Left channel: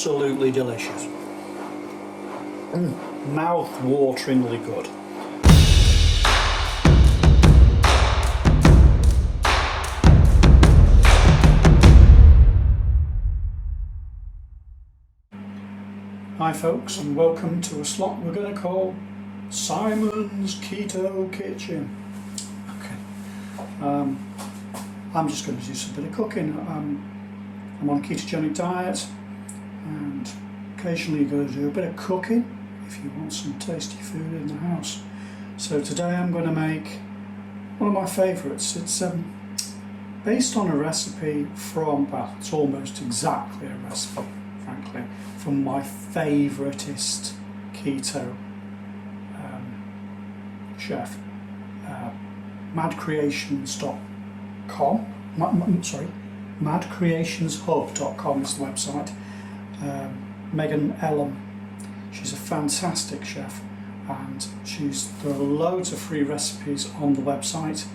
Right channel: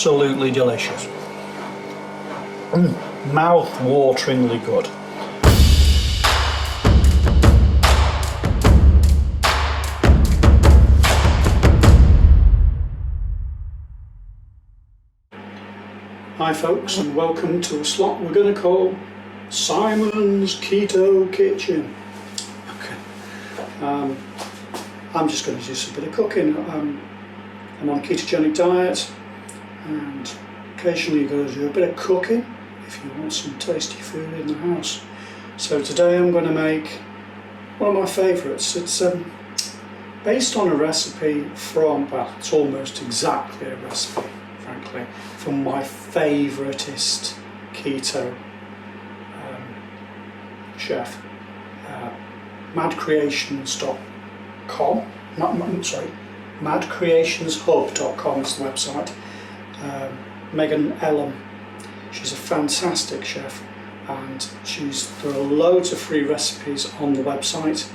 absolutely delicious. Mouth-wateringly good. Hi folks, and welcome to a slot we're going to call Simon's Keto Kitchen. Okay, I'm just going to do some bit of cooking. I'm on a ketogenic diet, and occasionally you're going to do a bit of cooking if you want some tasty food in the house. So today I'm going to make one of my favourites. It's based on a recipe from, well, it's almost exactly a recipe, frankly, from my favouriteest keto chef, madcreations.com. madcreationshub.com is the website. Megan Ellam, she's a fantastic chef, and there are loads of free recipes on the website,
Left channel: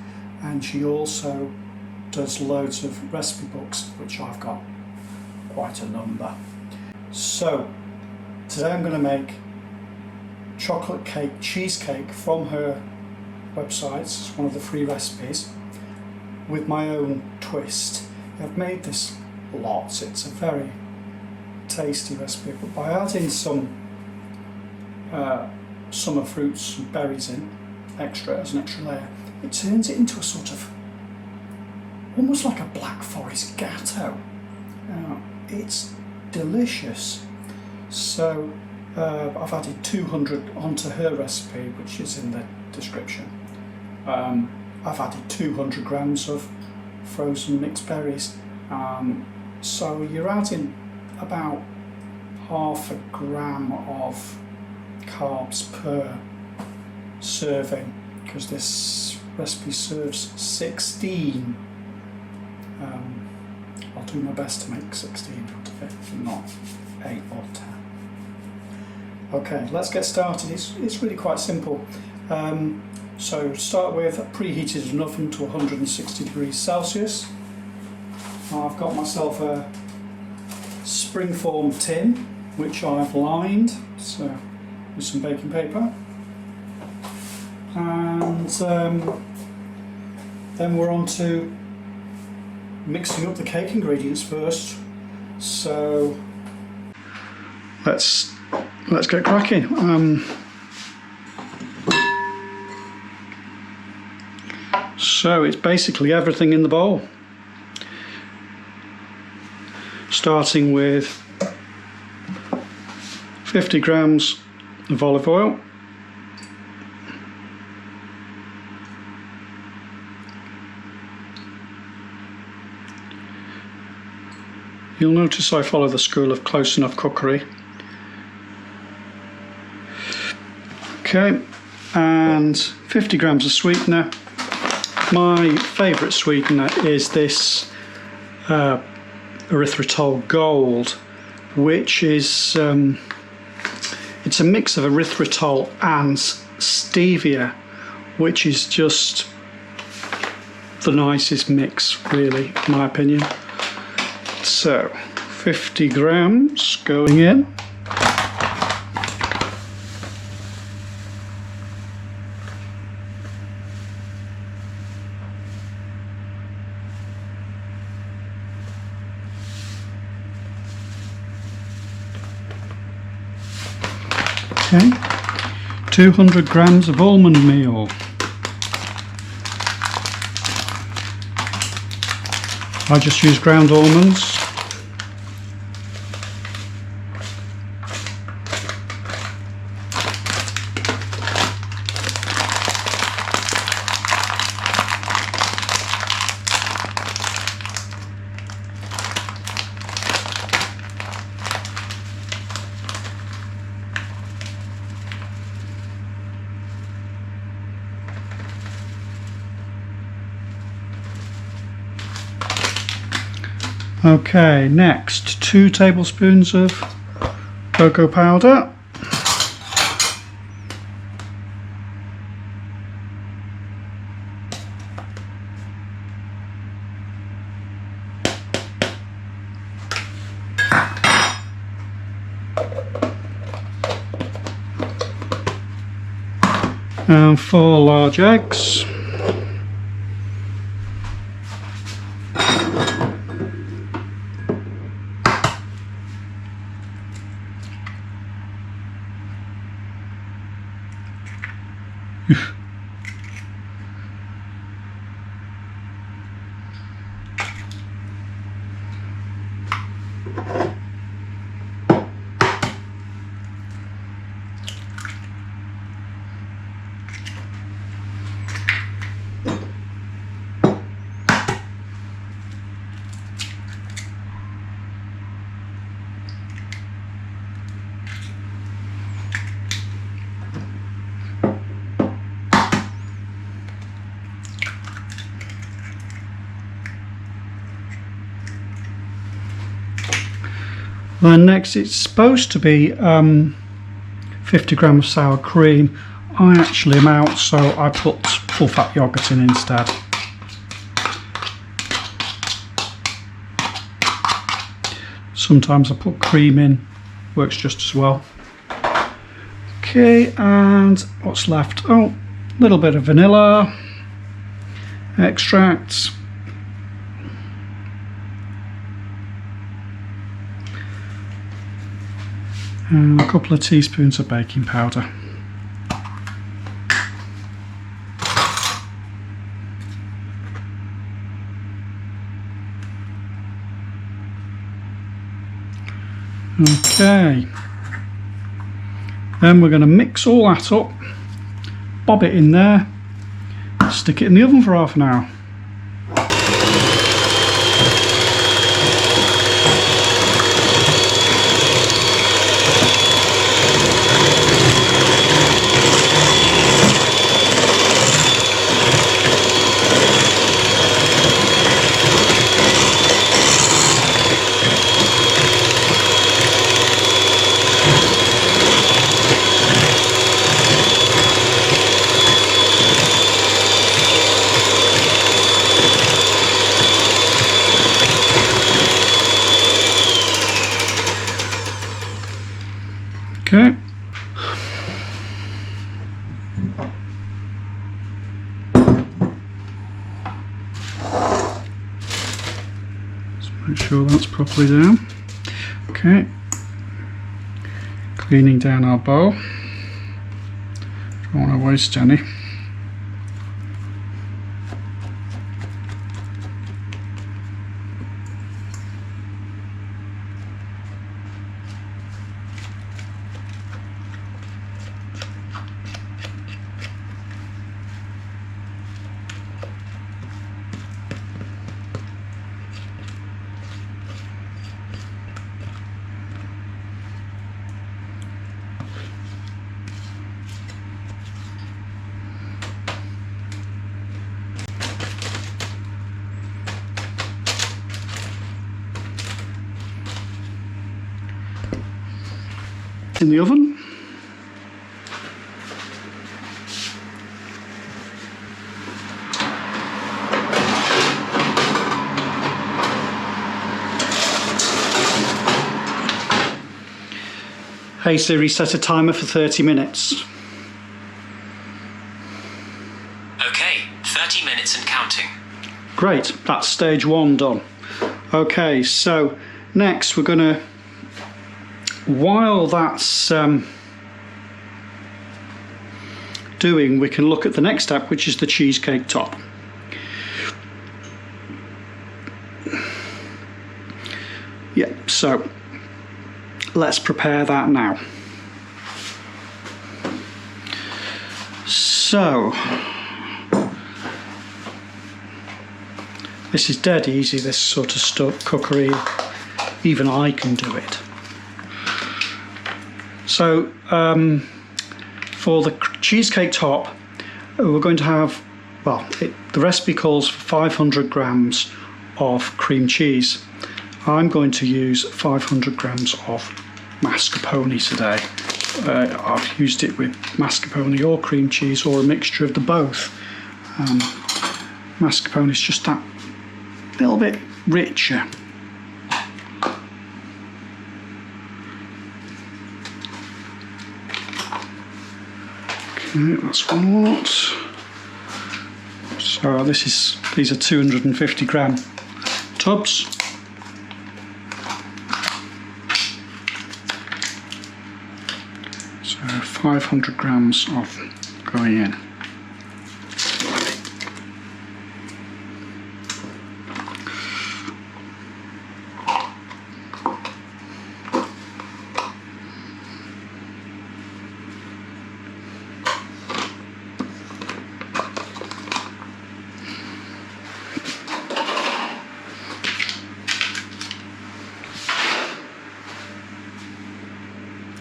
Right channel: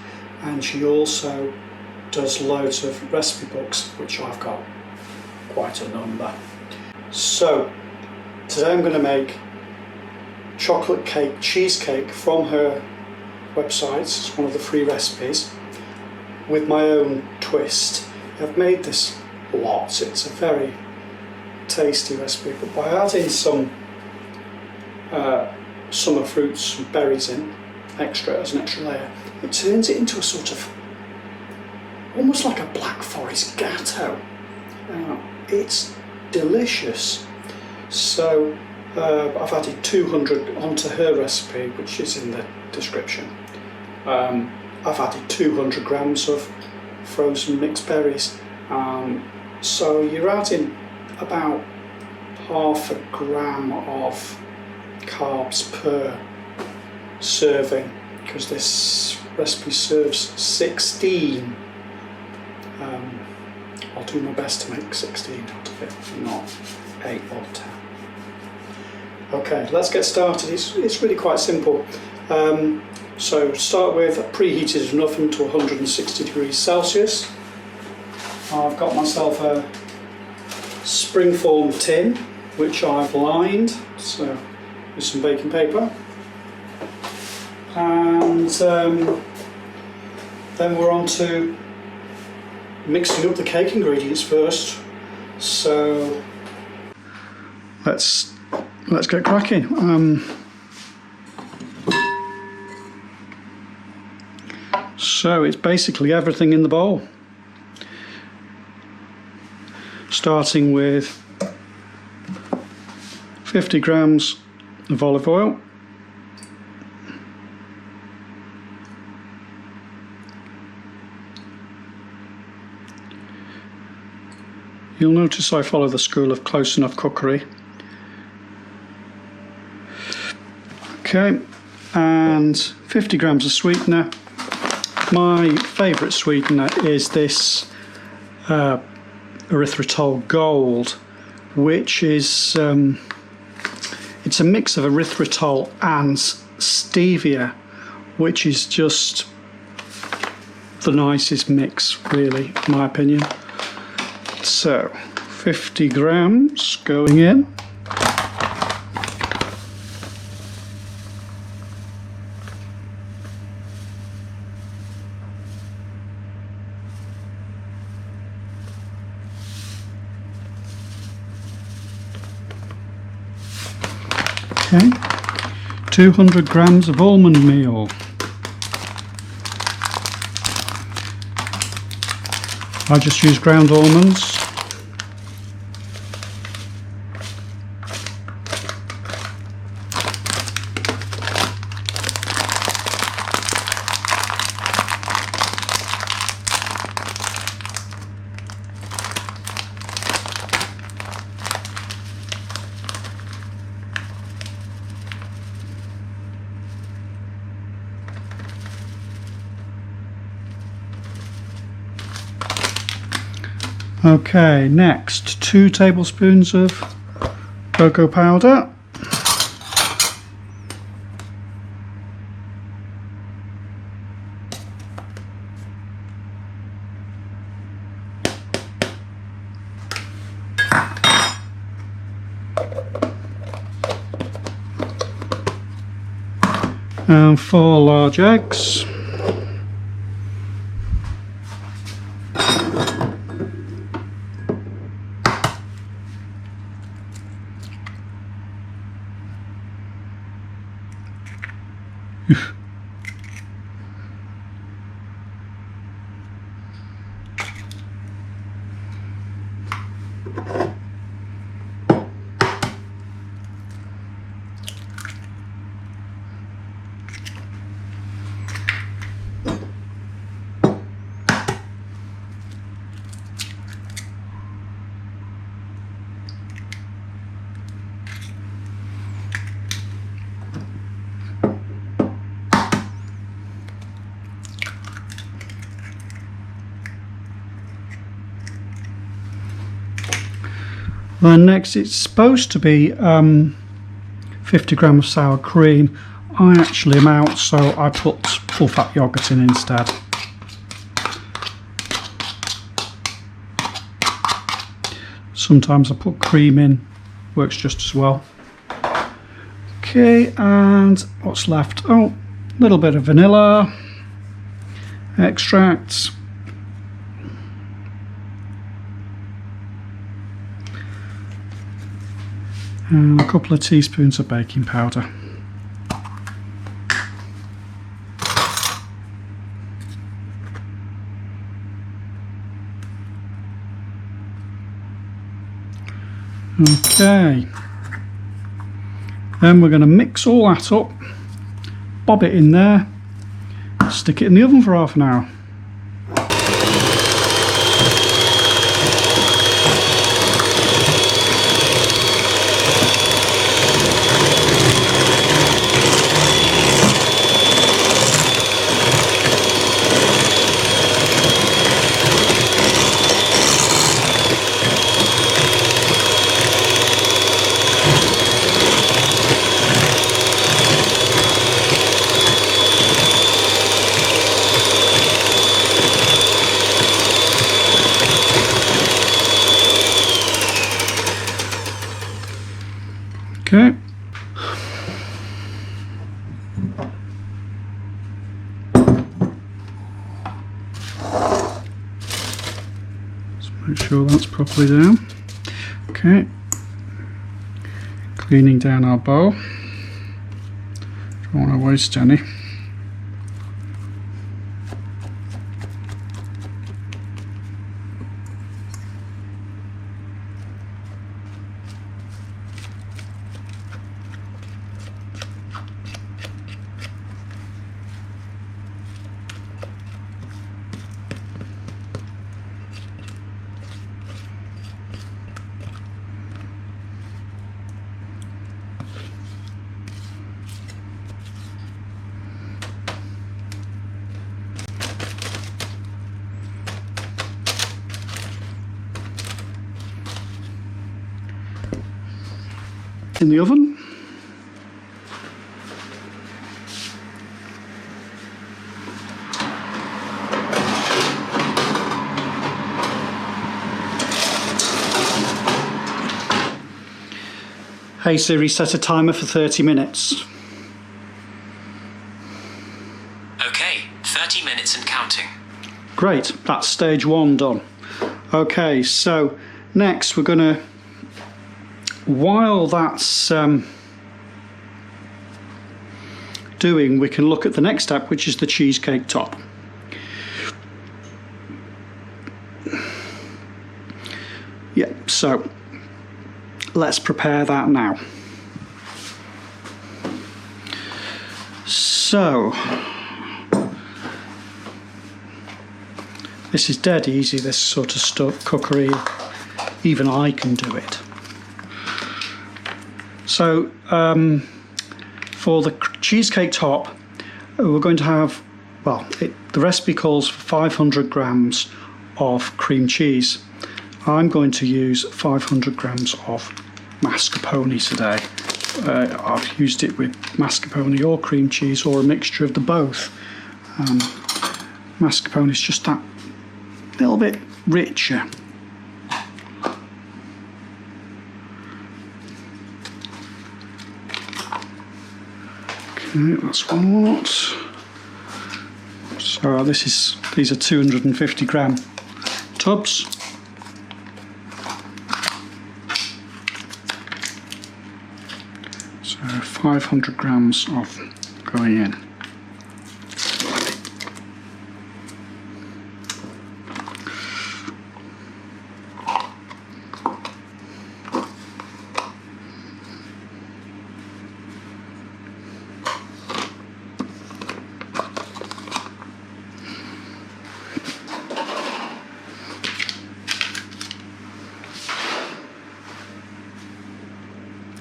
and she also does loads of recipe books, which I've got quite a number. So today I'm going to make chocolate cake cheesecake from her website. It's one of the free recipes with my own twist. I've made this a lot. It's a very tasty recipe, but by adding some summer fruits and berries in as an extra layer, it turns it into a sort of almost like a Black Forest gateau. It's delicious. So I've added 200 onto her recipe, which is in the description. I've added 200 grams of frozen mixed berries. So you're adding about half a gram of carbs per serving, because this recipe serves 16. I'll do my best to make 16 out of it, not 8 or 10. Okay, let's get started. It's really quite simple. So start with, preheated an oven to 160 degrees Celsius. I've got myself a springform tin, which I've lined with some baking paper. And then we're on to mixing up the cake ingredients first. So let's get cracking. So it's basically everything in the bowl, starting with 50 grams of olive oil, you'll notice I follow the school of close enough cookery. Okay, and 50 grams of sweetener. My favourite sweetener is this erythritol gold, which is it's a mix of erythritol and stevia, which is just the nicest mix, really, in my opinion. So 50 grams going in. Okay, 200 grams of almond meal. I just use ground almonds. Okay, next 2 tablespoons of cocoa powder. And 4 large eggs. Then next, it's supposed to be 50 grams of sour cream. I actually am out, so I put full fat yoghurt in instead. Sometimes I put cream in, works just as well. Okay, and what's left? Oh, a little bit of vanilla extract. And a couple of teaspoons of baking powder. Okay, then we're going to mix all that up, bob it in there, stick it in the oven for half an hour. Okay. Let's make sure that's properly down. Okay. Cleaning down our bowl. Don't want to waste any. In the oven. Hey Siri, set a timer for 30 minutes. Okay, 30 minutes and counting. Great, that's stage 1 done. Okay, so next we're going to, while that's doing, we can look at the next step, which is the cheesecake top. Yeah, so let's prepare that now. So this is dead easy, this sort of stuff, cookery. Even I can do it. So for the cheesecake top, we're going to have, well, the recipe calls for 500 grams of cream cheese. I'm going to use 500 grams of mascarpone today. I've used it with mascarpone or cream cheese or a mixture of the both. Mascarpone is just that little bit richer. Okay, that's one lot. So these are 250 gram tubs. So 500 grams of going in.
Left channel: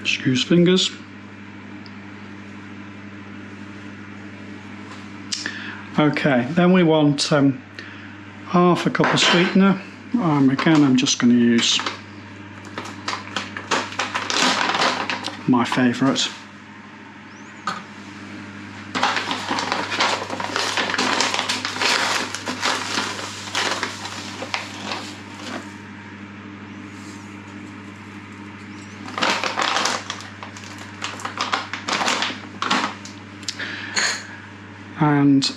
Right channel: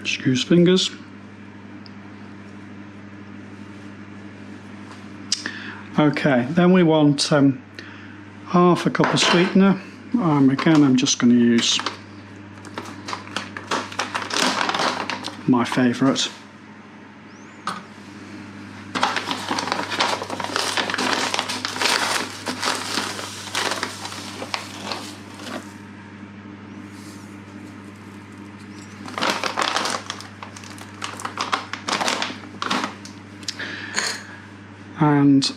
Excuse fingers. Okay, then we want half a cup of sweetener. Again, I'm just going to use my favourite. And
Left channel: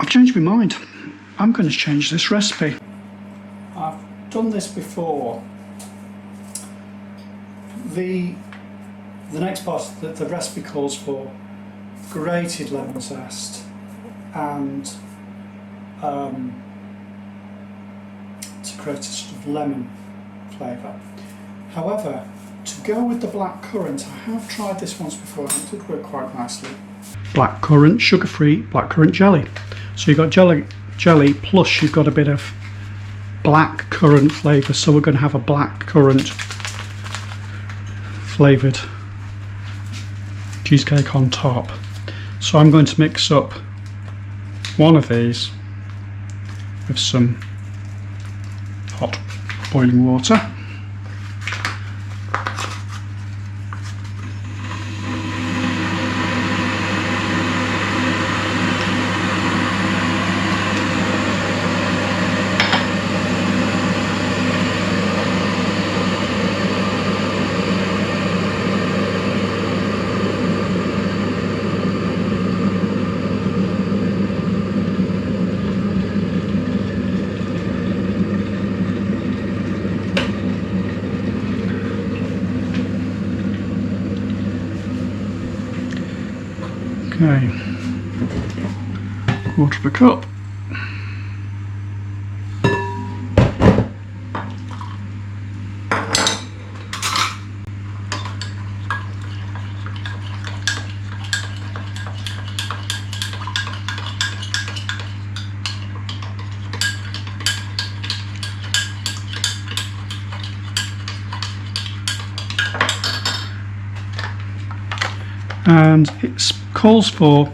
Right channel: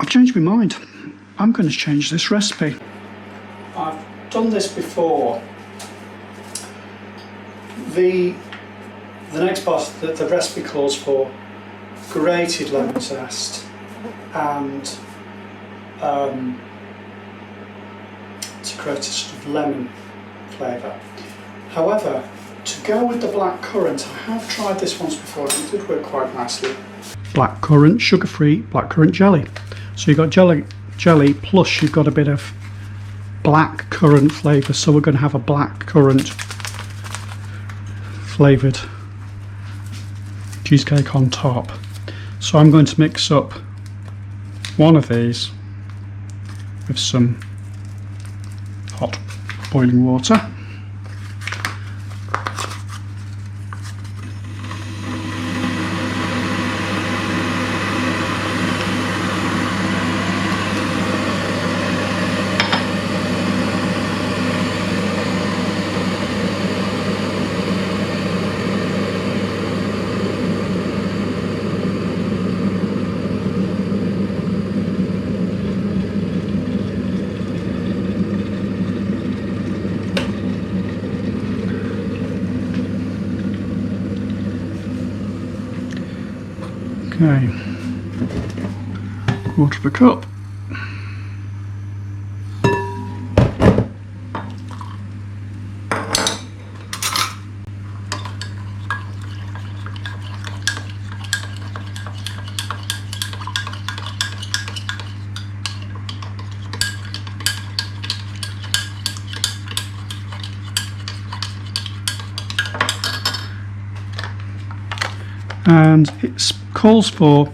I've changed my mind. I'm going to change this recipe. I've done this before. The next part, the recipe calls for grated lemon zest and to create a sort of lemon flavour. However, to go with the blackcurrant, I have tried this once before and it did work quite nicely. Blackcurrant, sugar-free blackcurrant jelly. So you've got jelly plus you've got a bit of blackcurrant flavour. So we're going to have a blackcurrant flavoured cheesecake on top. So I'm going to mix up one of these with some hot boiling water. Okay, quarter of a cup. And it calls for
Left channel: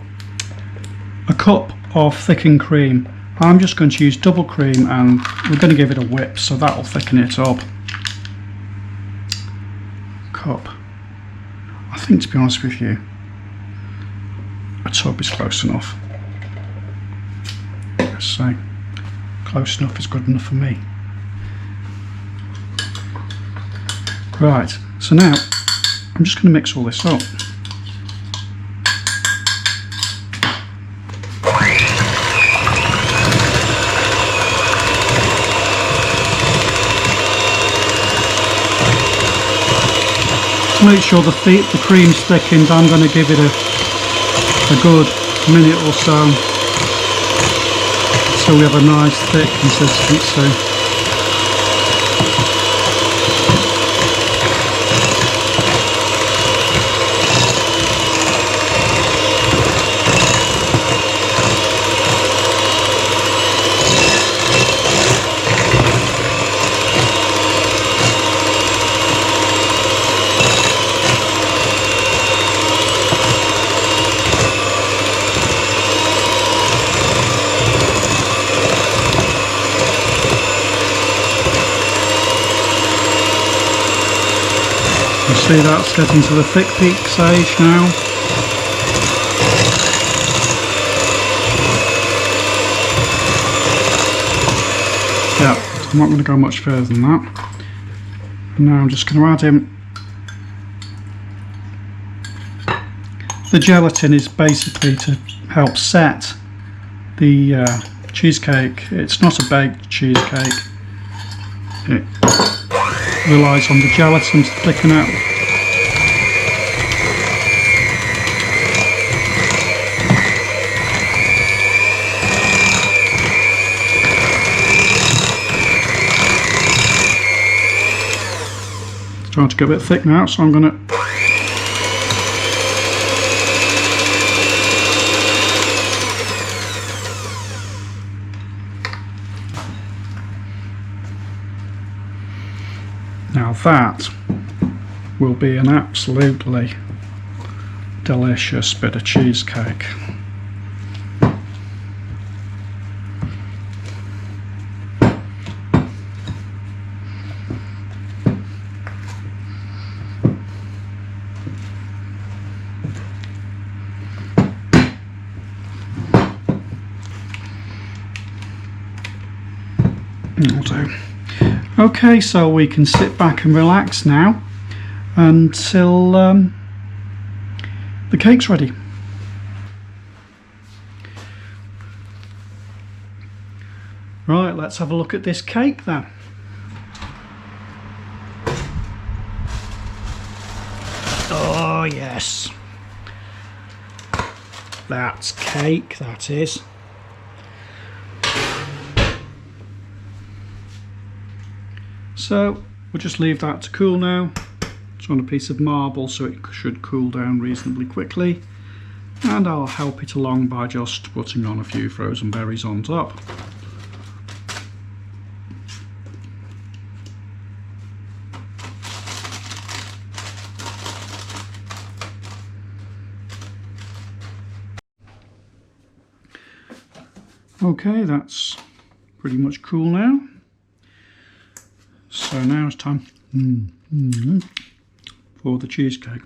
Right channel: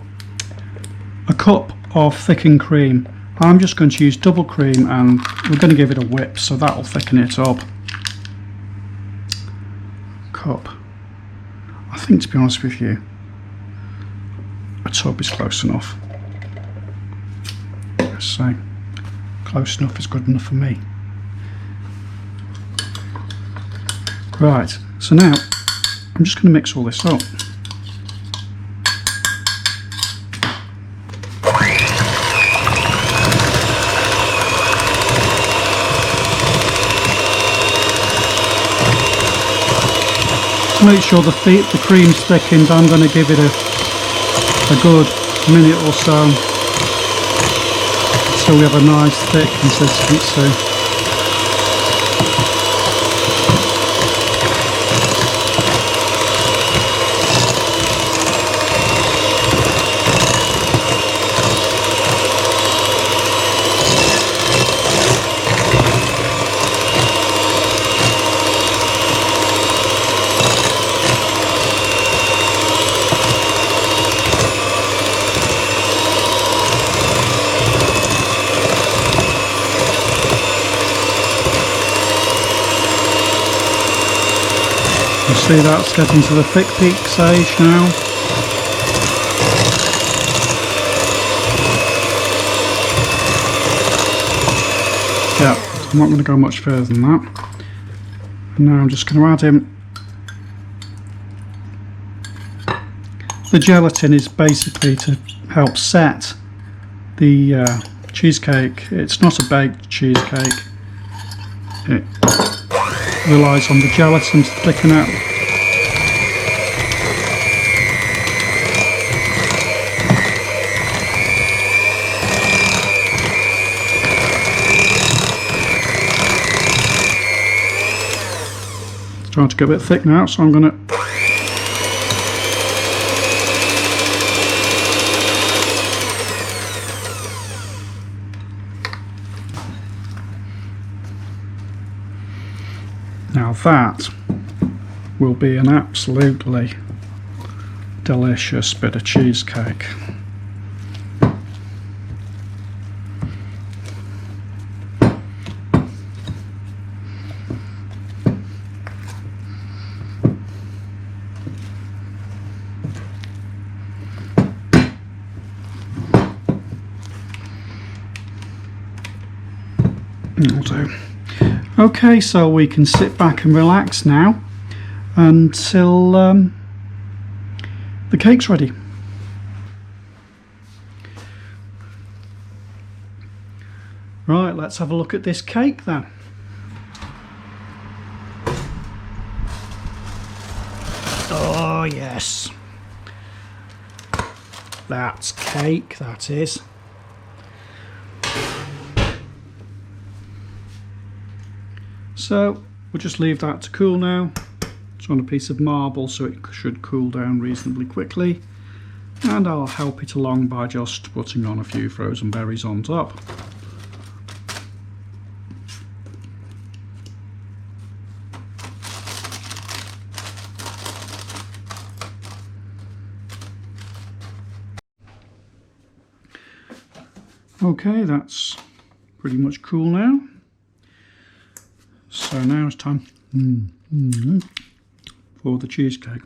a cup of thickened cream. I'm just going to use double cream and we're going to give it a whip, so that'll thicken it up. Cup. I think, to be honest with you, a tub is close enough. Let's say close enough is good enough for me. Right, so now I'm just going to mix all this up. To make sure the cream's thickened, I'm going to give it a good minute or so we have a nice thick consistency. You see that's getting to the thick peak stage now. Yeah, I'm not going to go much further than that. And now I'm just going to add in The gelatin is basically to help set the cheesecake. It's not a baked cheesecake. It relies on the gelatin to thicken out. It's starting to get a bit thick now, so I'm going to now that will be an absolutely delicious bit of cheesecake. That'll do. Okay, so we can sit back and relax now until the cake's ready. Right, let's have a look at this cake then. Oh yes, that's cake, that is. So we'll just leave that to cool now. It's on a piece of marble, so it should cool down reasonably quickly. And I'll help it along by just putting on a few frozen berries on top. Okay, that's pretty much cool now. So now it's time for the cheesecake.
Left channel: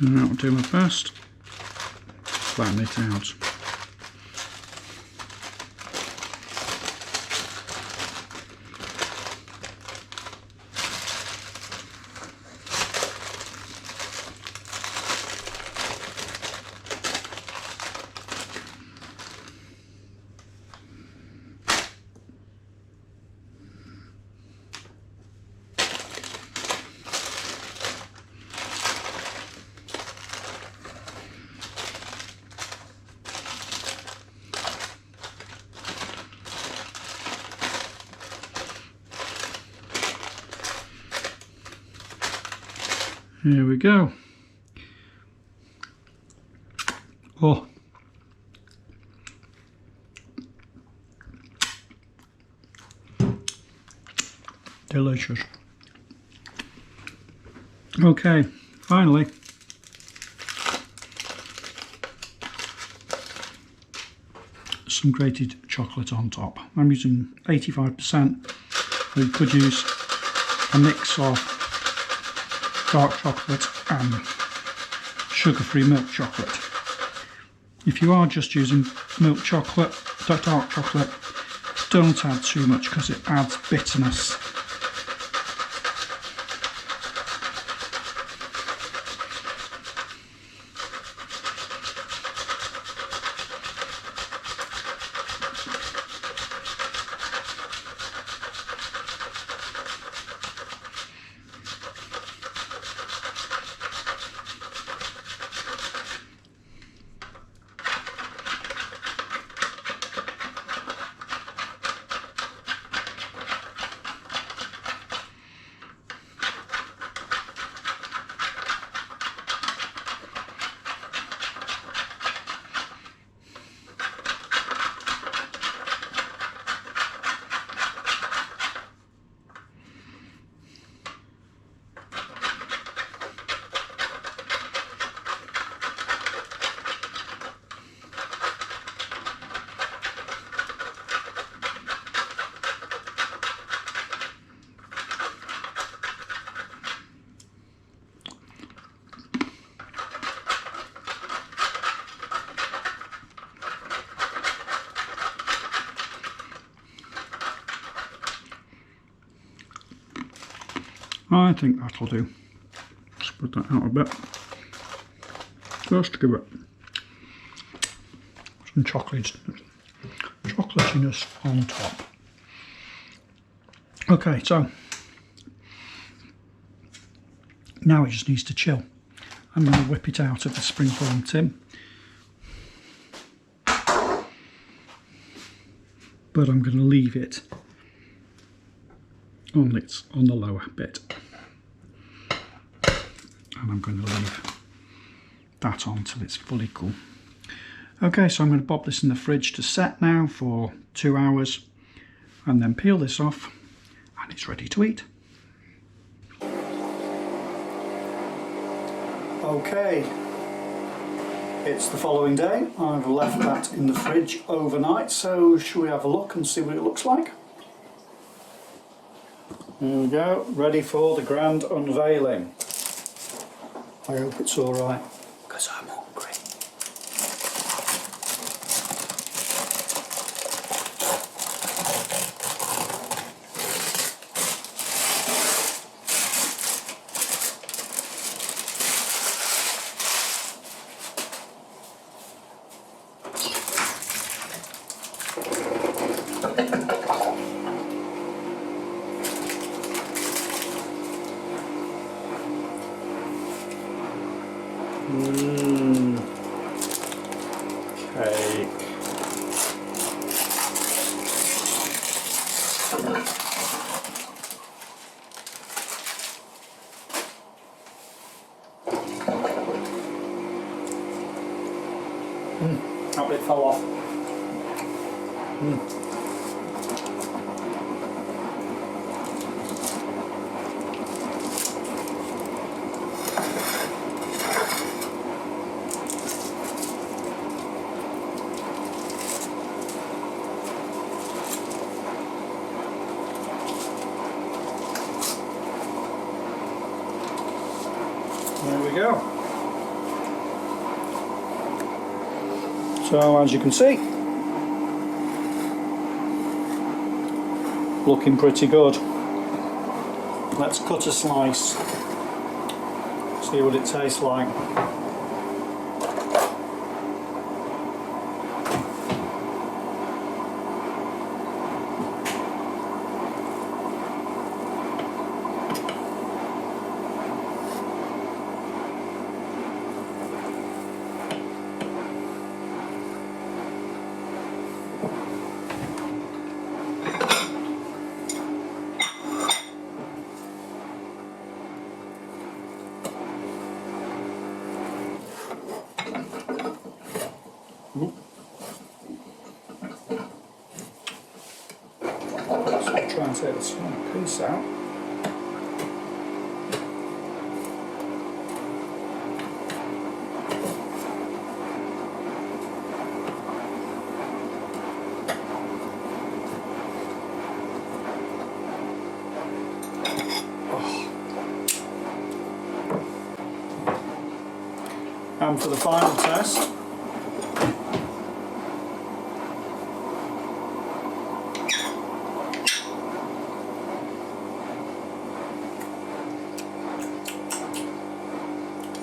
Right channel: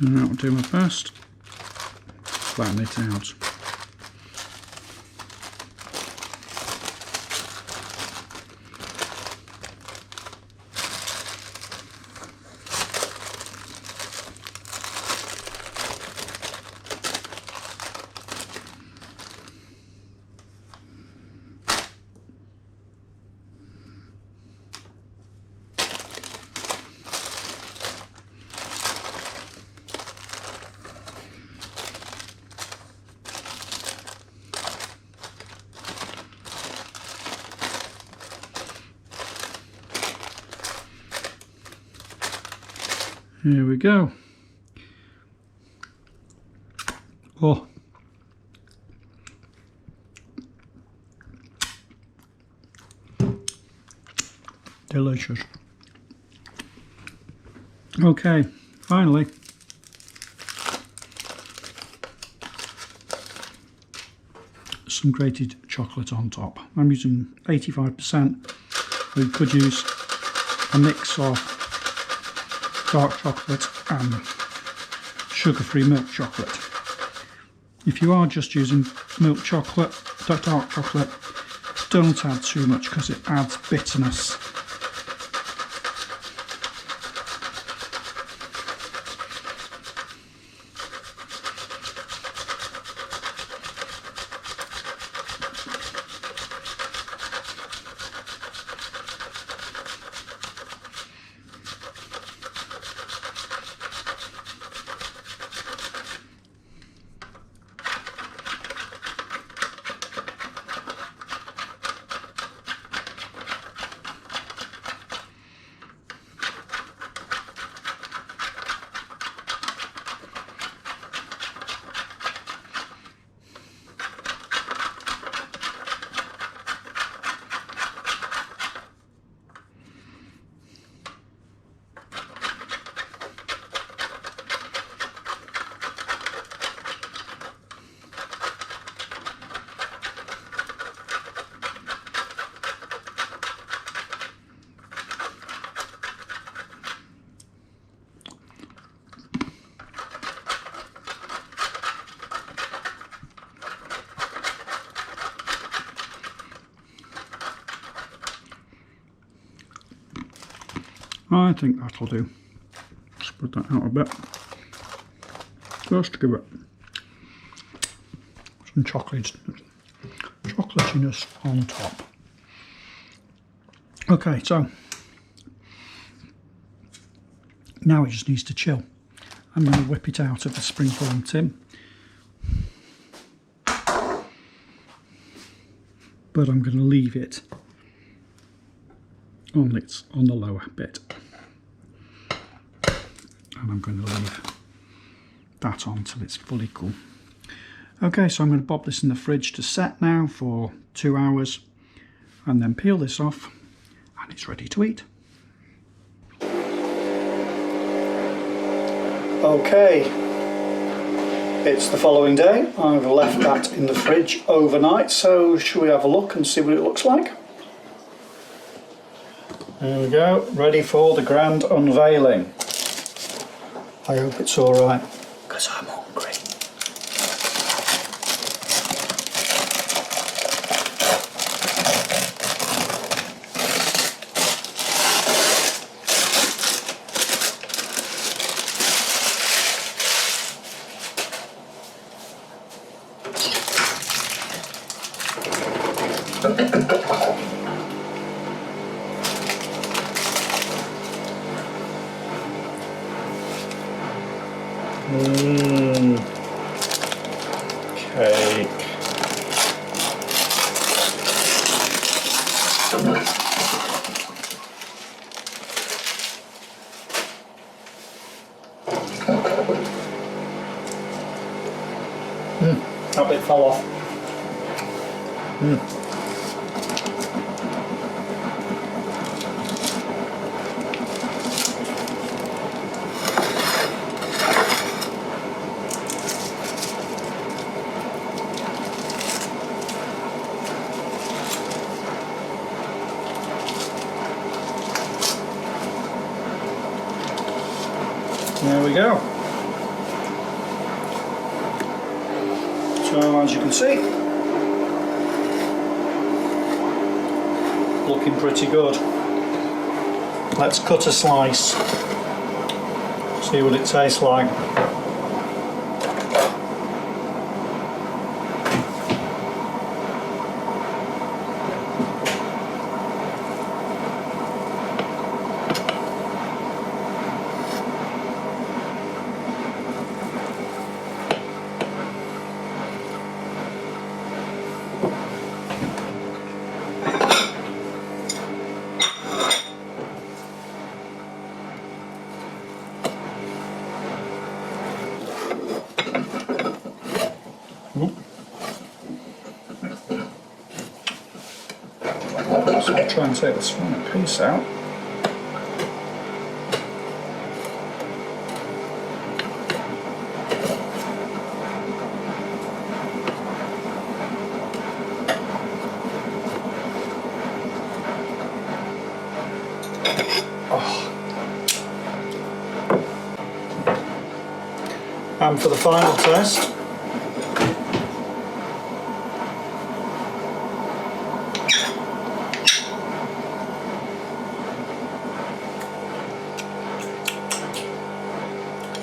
And I'll do my best, flatten it out. Here we go. Oh. Delicious. Okay, finally. Some grated chocolate on top. I'm using 85%. We could use a mix of dark chocolate and sugar-free milk chocolate. If you are just using milk chocolate, dark chocolate, don't add too much because it adds bitterness. I think that'll do. Spread that out a bit. Just to give it some chocolatiness on top. Okay, so now it just needs to chill. I'm going to whip it out of the springform tin. But I'm going to leave it on the lower bit. And I'm going to leave that on till it's fully cool. Okay, so I'm going to pop this in the fridge to set now for 2 hours and then peel this off and it's ready to eat. Okay, it's the following day. I've left that in the fridge overnight, so shall we have a look and see what it looks like? There we go, ready for the grand unveiling. I hope it's alright, because I'm hungry. Cake. That bit fell off. There we go. So as you can see, looking pretty good. Let's cut a slice, see what it tastes like. So I'll try and take the small piece out. Oh. And for the final test,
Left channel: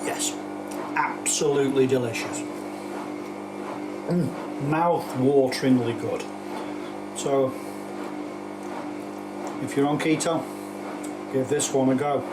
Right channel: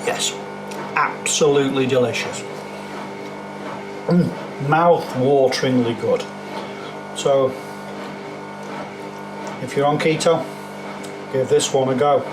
yes, absolutely delicious. Mouth-wateringly good. So, if you're on keto, give this one a go.